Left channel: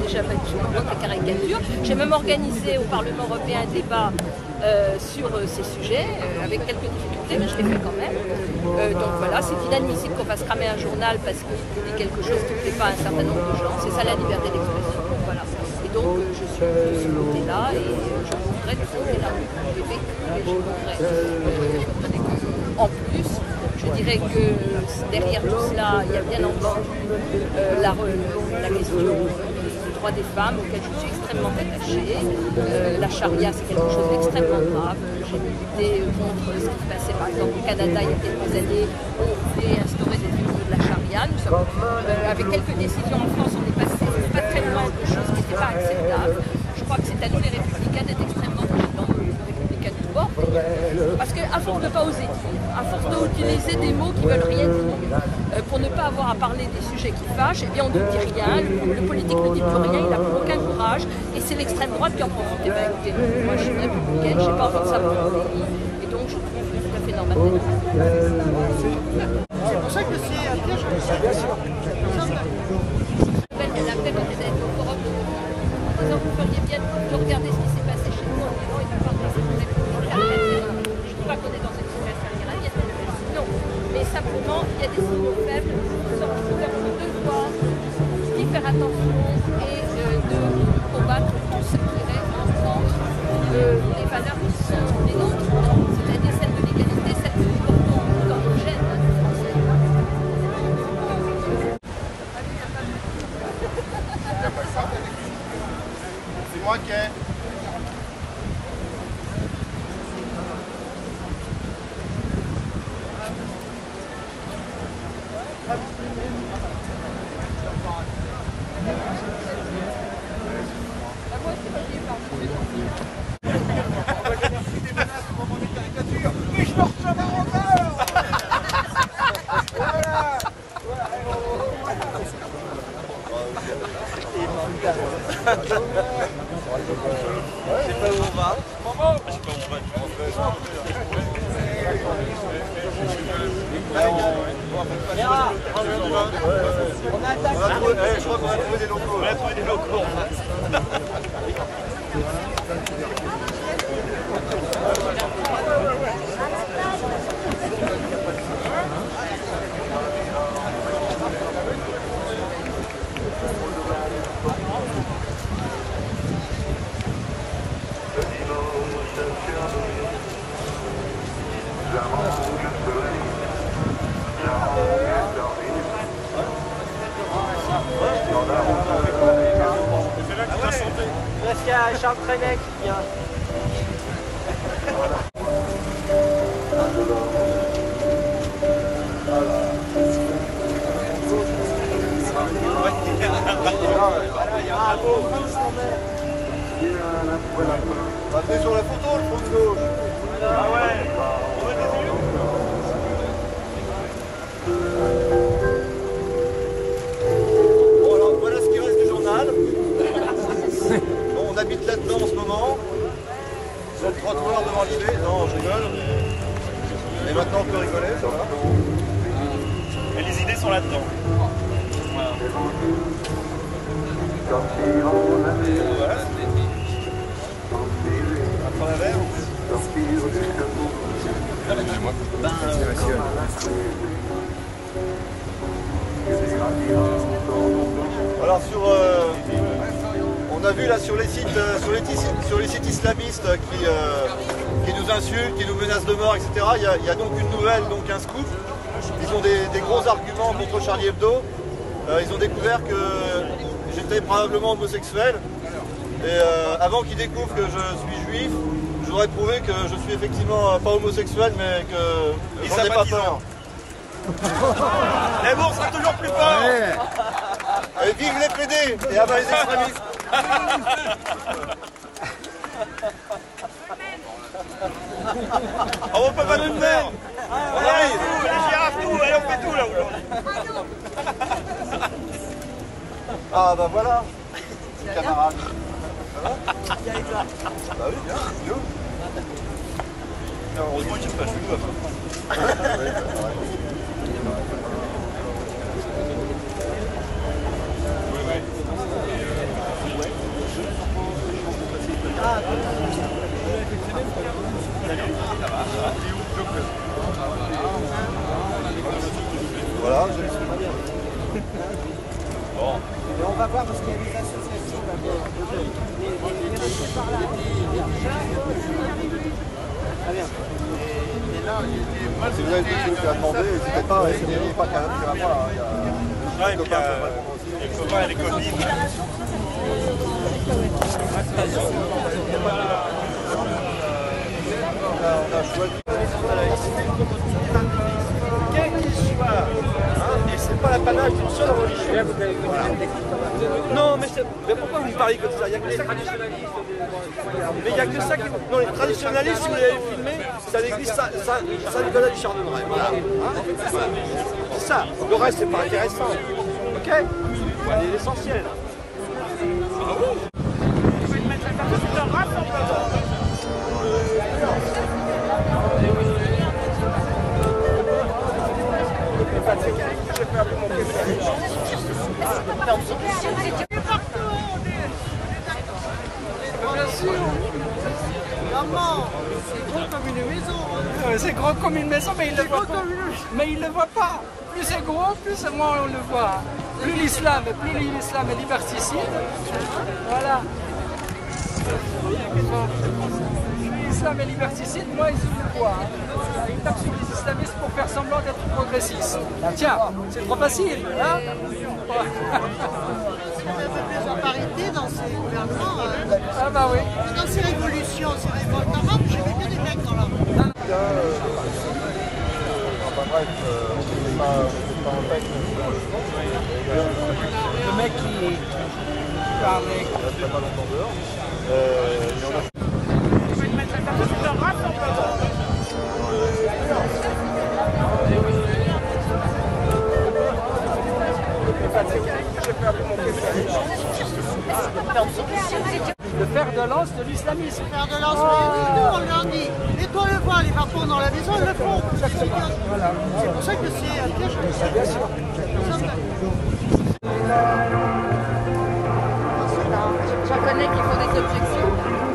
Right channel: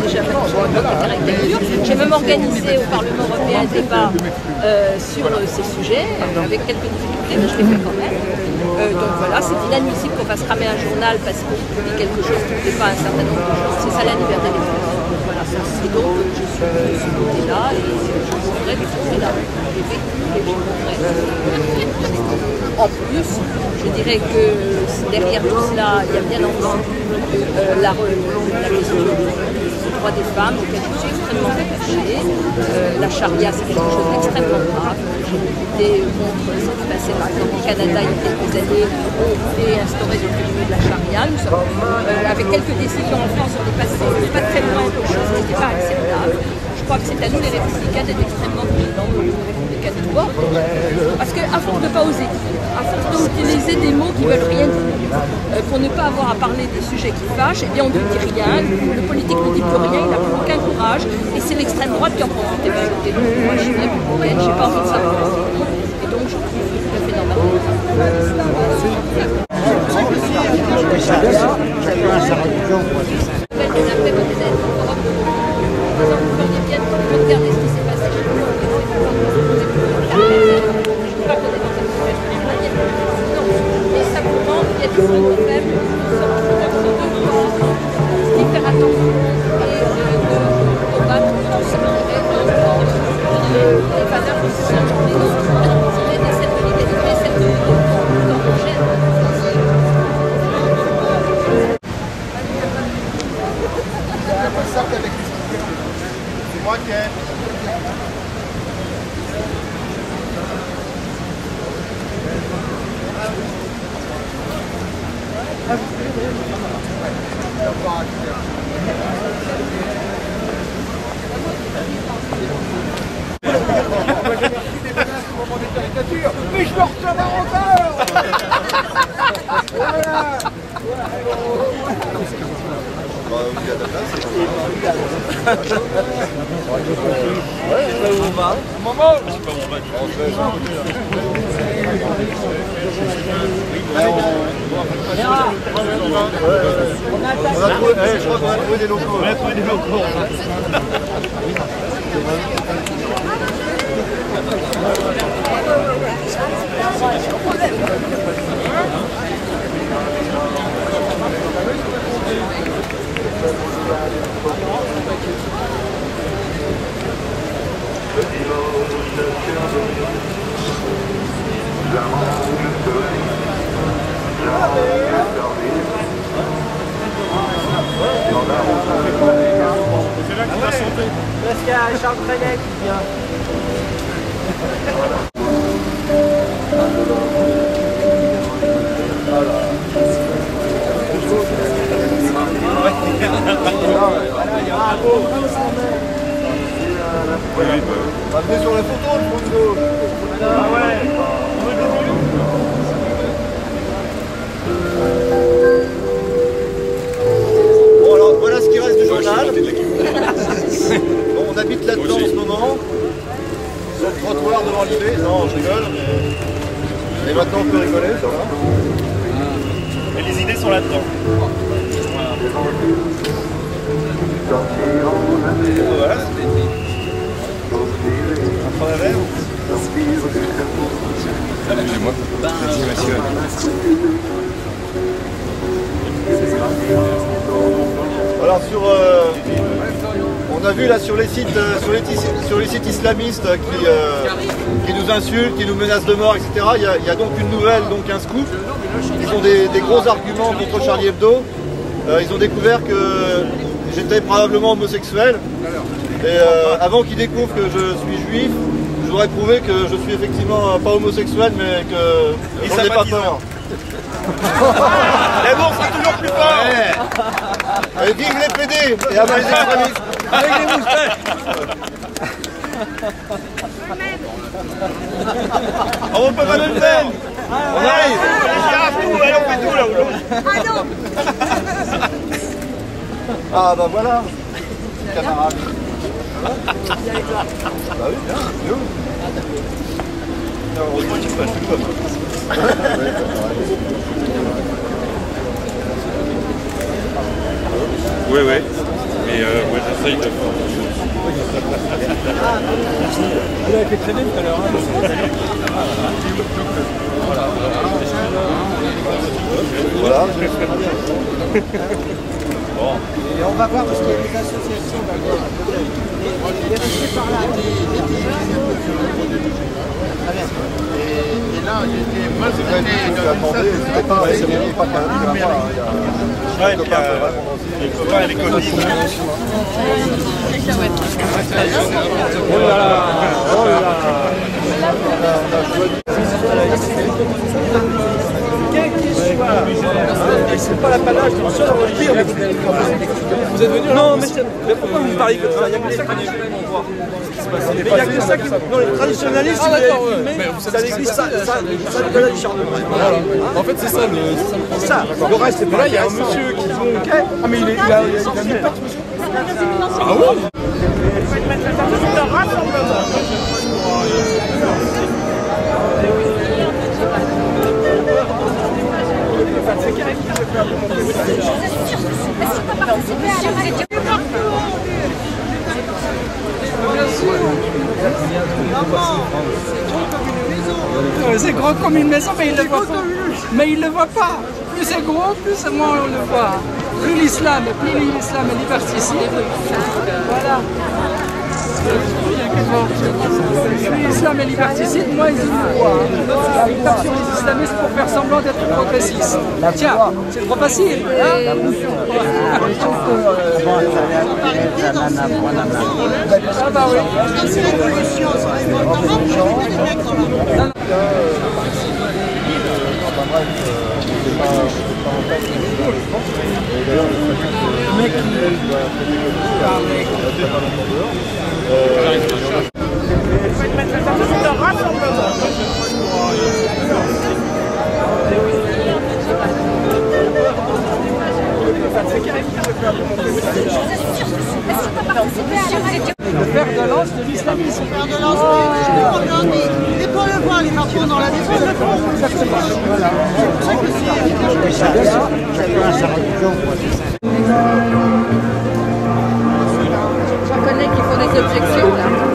Déjà fait des caricatures. J'ai même organisé au Parlement européen un débat sur ces sujets, avec quelques difficultés, mais je l'ai fait quand même. Donc voilà, c'est inadmissible qu'on fasse cramer un journal parce qu'on dit quelque chose qui ne plaît pas à un certain nombre de gens. C'est ça la liberté d'expression. Voilà. Et donc je suis de ce côté-là et je mourrai de ce côté-là. J'ai vécu et je mourrai. En plus, je dirais que derrière tout cela, il y a bien entendu la question des droits des femmes auxquelles je suis extrêmement attachée. La charia, c'est quelque chose d'extrêmement grave. J'ai lutté contre ce qui passait par exemple au Canada il y a quelques années où on voulait instaurer des tribunaux de la charia. Nous sommes, avec quelques décisions en France, on est passé pas très loin de choses qui n'étaient pas acceptables. Je crois que c'est à nous les républicains d'être extrêmement vigilants, aux républicains de bord. Parce qu'à force de ne pas oser dire, à force d'utiliser des mots qui ne veulent rien dire, pour ne pas avoir à parler des sujets qui fâchent, eh bien on ne dit rien, le politique ne dit plus rien, il n'a plus aucun courage, et c'est l'extrême droite qui en profite. Eh bien écoutez, moi je suis une républicaine, je n'ai pas envie de savoir mon pays, et donc je trouve tout à fait normal d'être ça. C'est pour ça que bien sûr. Vous feriez bien de regarder ce qui s'est passé chez nous en Iran et de voir dans une république caractérielle. Je ne dis pas qu'on est dans cette situation iranienne. Non. Mais simplement, il y a des signaux faibles qui sont de devoir d'y faire attention et de combattre tout ce qui irait contre les valeurs qui sont les nôtres. C'est-à-dire celle de l'égalité, celle de l'homogène français. C'est moi qui ai... Mais je me retiens pas encore. Voilà. Je sais pas où on va. Maman, Je sais pas où on va. on a trouvé, je crois qu'on a trouvé des locaux. On a trouvé des locaux. C'est là qu'il va chanter. Parce qu'il y a Charles Trenet qui vient. Venez sur la photo, le fond de gauche. Ah ouais. On veut des vues. Bon alors voilà ce qui reste du journal. Bon, on habite là-dedans en ce moment. Sur le trottoir devant l'IB. Non, je rigole. Et maintenant on peut rigoler, ça va. Et les idées sont là-dedans. Voilà. Voilà. Un prendre un verre. Alors on a vu là sur les sites, islamistes qui nous insultent, qui nous menacent de mort, etc. Il y a donc une nouvelle, donc un scoop. Ils ont des gros arguments contre Charlie Hebdo. Ils ont découvert que j'étais probablement homosexuel. Et avant qu'ils découvrent que je suis juif, je voudrais prouver que je suis effectivement pas homosexuel, mais que j'en ai pas peur. L'amour sera toujours plus fort. Et vive les PD et à bas les extrémistes. On peut pas nous le faire. On arrive. Les girafes, tout. Allez, on fait tout là aujourd'hui. Ah bah voilà, camarade. Ça va? Bah oui, bien. Nous. Heureusement qu'il passe le com. Oui, oui. Mais ouais. Voilà, je le fais très bien. Bon. Et on va voir parce qu'il y a des associations d'abord. Et restez par là. Très bien. Et là, il était mal. C'est vrai, vous attendez, n'hésitez pas, il n'y a pas qu'à moi. Il y a les copains les copains et les copines. Oh là là, oh là là. On a choisi. Quel qu'il soit, et c'est pas l'apanage d'une seule religion. Vous êtes venu? Non, mais pourquoi vous me parlez comme ça? Il n'y a que ça qui... Mais il n'y a que ça qui... Non, les traditionnalistes, si vous l'avez filmé, c'est à l'église Saint-Nicolas du Chardonnay. En fait, c'est ça. C'est ça. Le reste, c'est pas intéressant. Monsieur qui joue au quai. Ah, mais il est essentiel. Ah oui? C'est un rassemblement. C'est gros comme une maison, mais il le voit pas. Mais il le voit pas. Plus c'est gros, plus moins on le voit. Plus l'islam est liberticide. Voilà. Plus l'islam est liberticide, moins ils le voient. Ils tapent sur les islamistes pour faire semblant d'être progressistes. Tiens, c'est trop facile. Hein? Dans ces gouvernements, Ah bah oui. dans ces révolutions, c'est révoltant. J'avais vu des mecs dans la... Enfin bref, on n'était pas en peine et d'ailleurs, le mec qui parle il n'y a pas longtemps dehors. C'est un rassemblement. Le fer de lance de l'islamisme. Faire de lance, on leur dit, dès qu'on le voit, les marteaux dans la maison, ils le font. Exactement. Voilà. C'est pour ça que c'est efficace. Bien sûr. J'en connais qui font des objections là.